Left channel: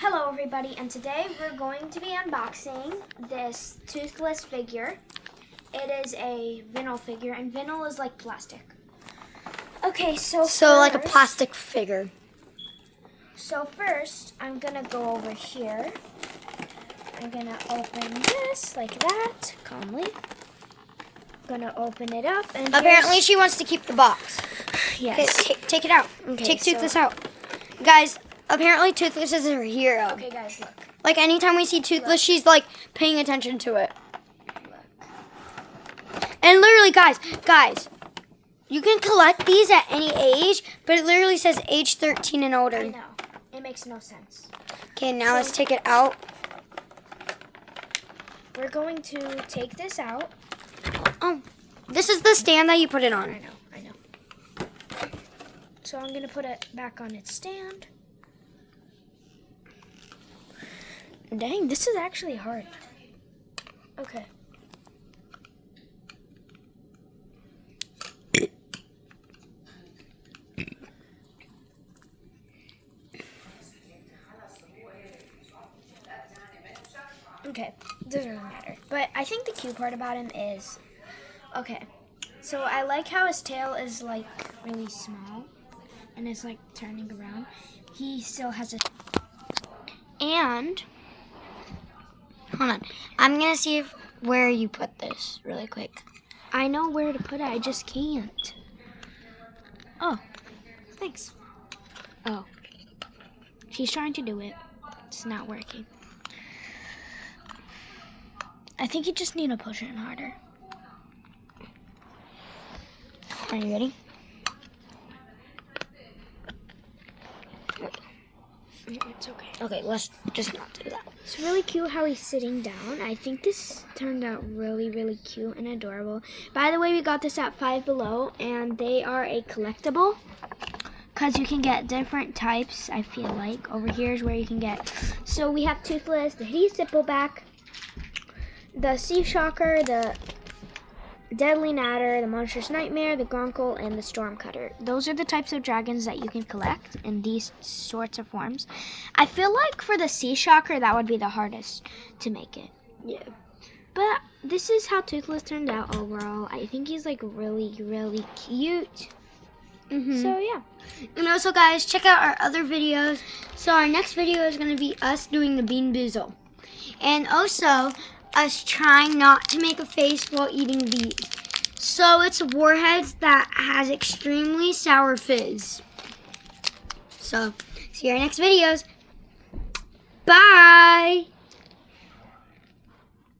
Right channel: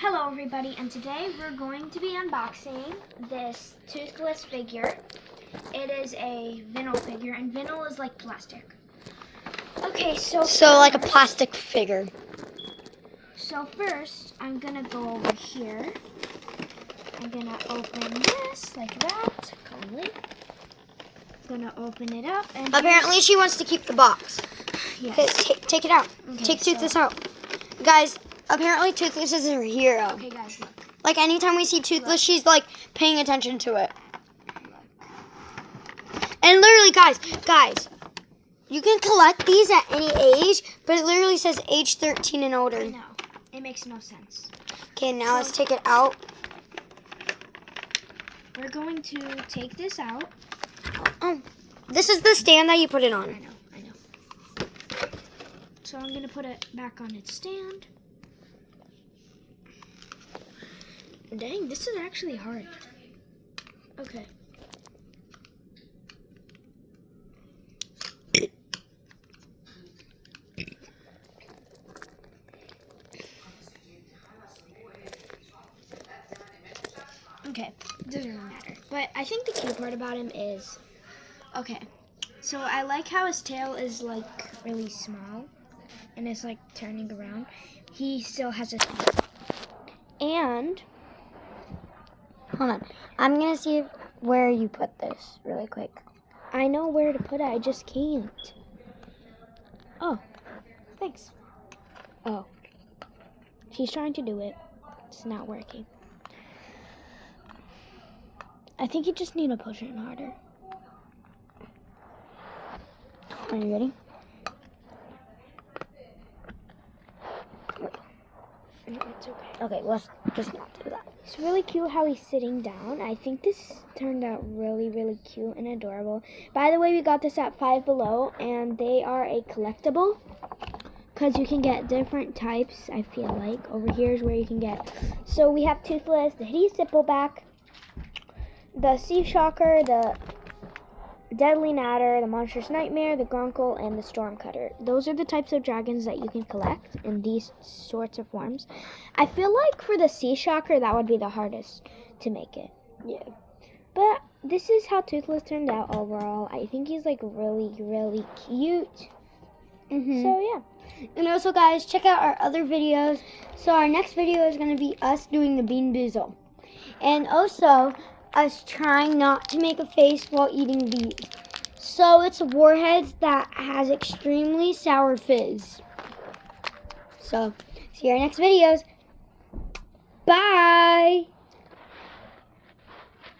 Hello everybody, and today we're going to be unboxing this toothless figure. It is a vinyl figure, and vinyl is like plastic. Okay, so like a plastic figure. So first, I'm gonna go over here. I'm gonna open this like that, calmly. Gonna open it up, and apparently she wants to keep the box. yes. Okay, take it out. Okay, take Toothless out, guys. Apparently Toothless is her hero. Okay, guys, look. Like anytime we see Toothless, she's like paying attention to it. And literally, guys, you can collect these at any age, but it literally says age 13 and older. I know. It makes no sense. Okay, now let's take it out. We're going to take this out. Oh, this is the stand that you put it on. I know. So I'm gonna put it back on its stand. Dang, this is actually hard. Okay. Okay, it doesn't really matter. But I think the cute part about him is, okay, so I like how his tail is like really small and it's like turning around. He still has a tail. And Hold on. I'm going to see where you put this really quick. I know where to put it, I just can't. Oh, thanks. Oh, she's trying to do it. It's not working. I think you just need to push it harder. Are you ready? It's okay. Okay, let's just not do that. It's really cute how he's sitting down. I think this turned out really, really cute and adorable. By the way, we got this at Five Below, and they are a collectible because you can get different types, I feel like. Over here is where you can get. So we have Toothless, the Hideous Stippleback, the Sea Shocker, the Deadly Natter, the Monstrous Nightmare, the Grunkle, and the Stormcutter. Those are the types of dragons that you can collect in these sorts of forms. I feel like for the Sea Shocker, that would be the hardest to make it. Yeah. But this is how Toothless turned out overall. I think he's like really, really cute. So yeah. And also, guys, check out our other videos. So our next video is going to be us doing the Bean Boozle. And also us trying not to make a face while eating these. So it's Warheads that has extremely sour fizz. So see our next videos. Bye.